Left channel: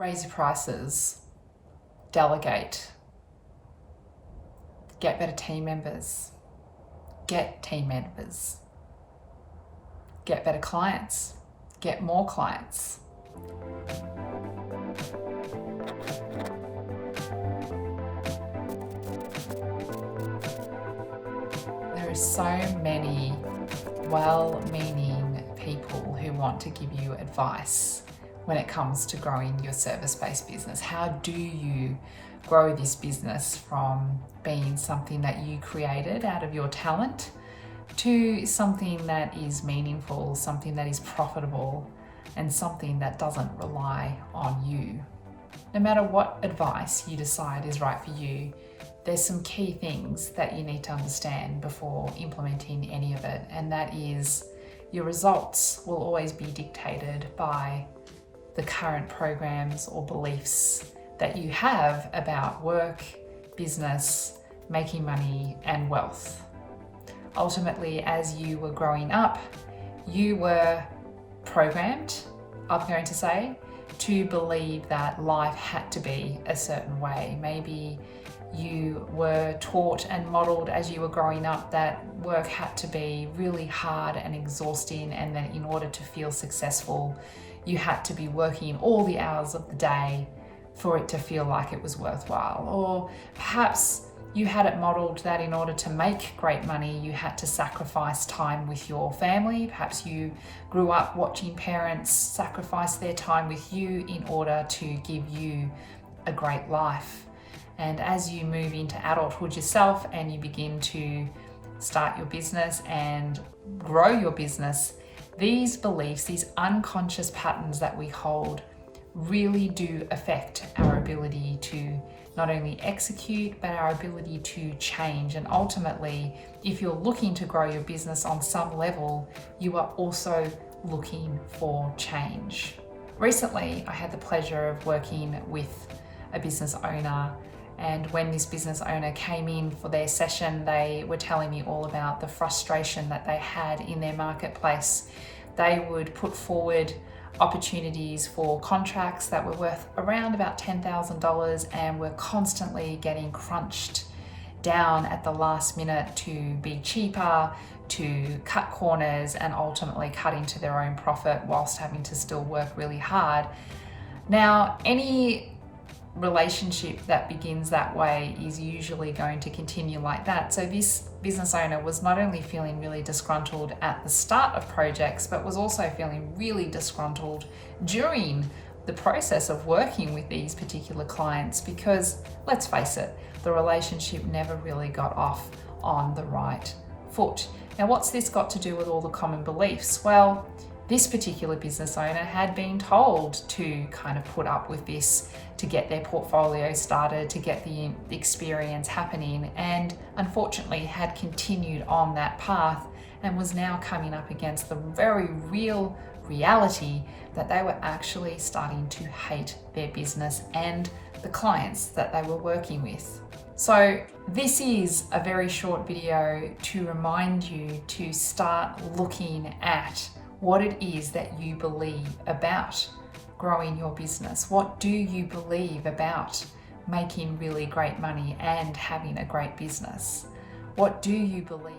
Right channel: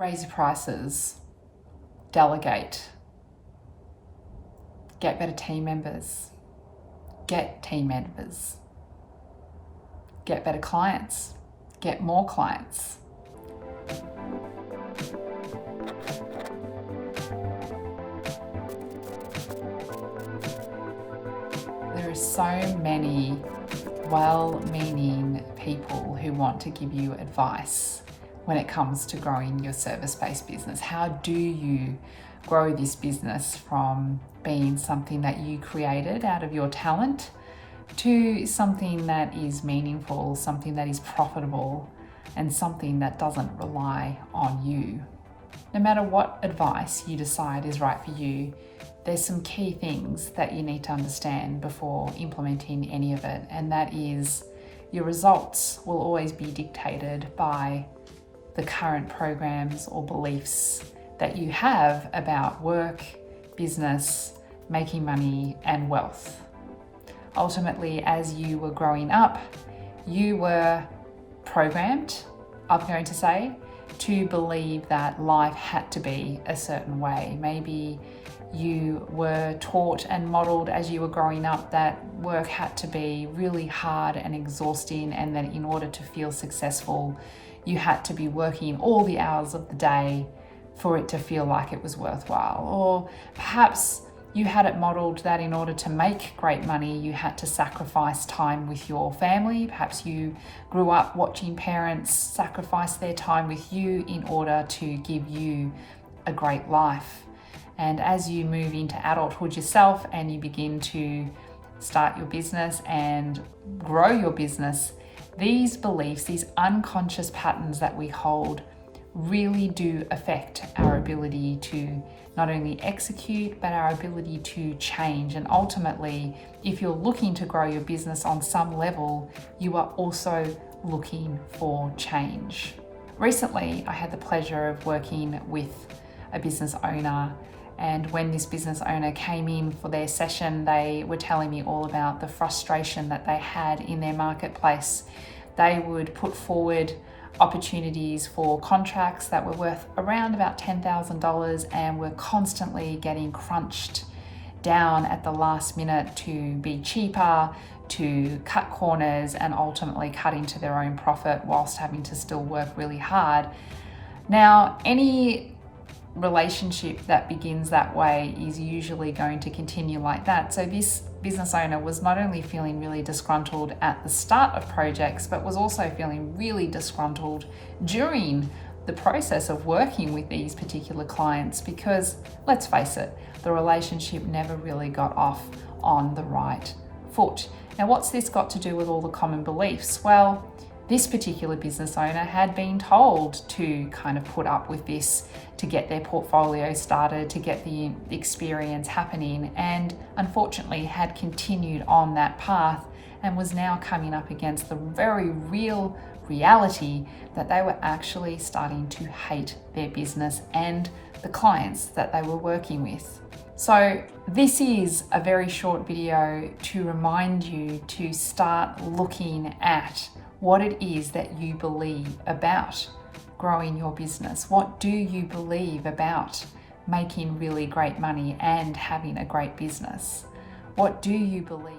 Raise your prices, delegate, get better team members, get team members, get better clients, get more clients. There are so many well-meaning people who want to give you advice when it comes to growing your service-based business. How do you grow this business from being something that you created out of your talent to something that is meaningful, something that is profitable, and something that doesn't rely on you? No matter what advice you decide is right for you, there's some key things that you need to understand before implementing any of it, and that is your results will always be dictated by the current programs or beliefs that you have about work, business, making money, and wealth. Ultimately, as you were growing up, you were programmed, I'm going to say, to believe that life had to be a certain way. Maybe you were taught and modeled as you were growing up that work had to be really hard and exhausting, and that in order to feel successful, you had to be working all the hours of the day for it to feel like it was worthwhile. Or perhaps you had it modeled that in order to make great money, you had to sacrifice time with your family. Perhaps you grew up watching parents sacrifice their time with you in order to give you a great life. And as you move into adulthood yourself and you begin to start your business and grow your business, these beliefs, these unconscious patterns that we hold, really do affect our ability to not only execute, but our ability to change. And ultimately, if you're looking to grow your business on some level, you are also looking for change. Recently, I had the pleasure of working with a business owner, and when this business owner came in for their session, they were telling me all about the frustration that they had in their marketplace. They would put forward opportunities for contracts that were worth around about $10,000 and were constantly getting crunched down at the last minute to be cheaper, to cut corners, and ultimately cut into their own profit whilst having to still work really hard. Now, any relationship that begins that way is usually going to continue like that. So this business owner was not only feeling really disgruntled at the start of projects, but was also feeling really disgruntled during the process of working with these particular clients, because let's face it, the relationship never really got off on the right foot. Now, what's this got to do with all the common beliefs? Well, this particular business owner had been told to kind of put up with this to get their portfolio started, to get the experience happening, and unfortunately had continued on that path and was now coming up against the very real reality that they were actually starting to hate their business and the clients that they were working with. So this is a very short video to remind you to start looking at what it is that you believe about growing your business. What do you believe about making really great money and having a great business? What do you believe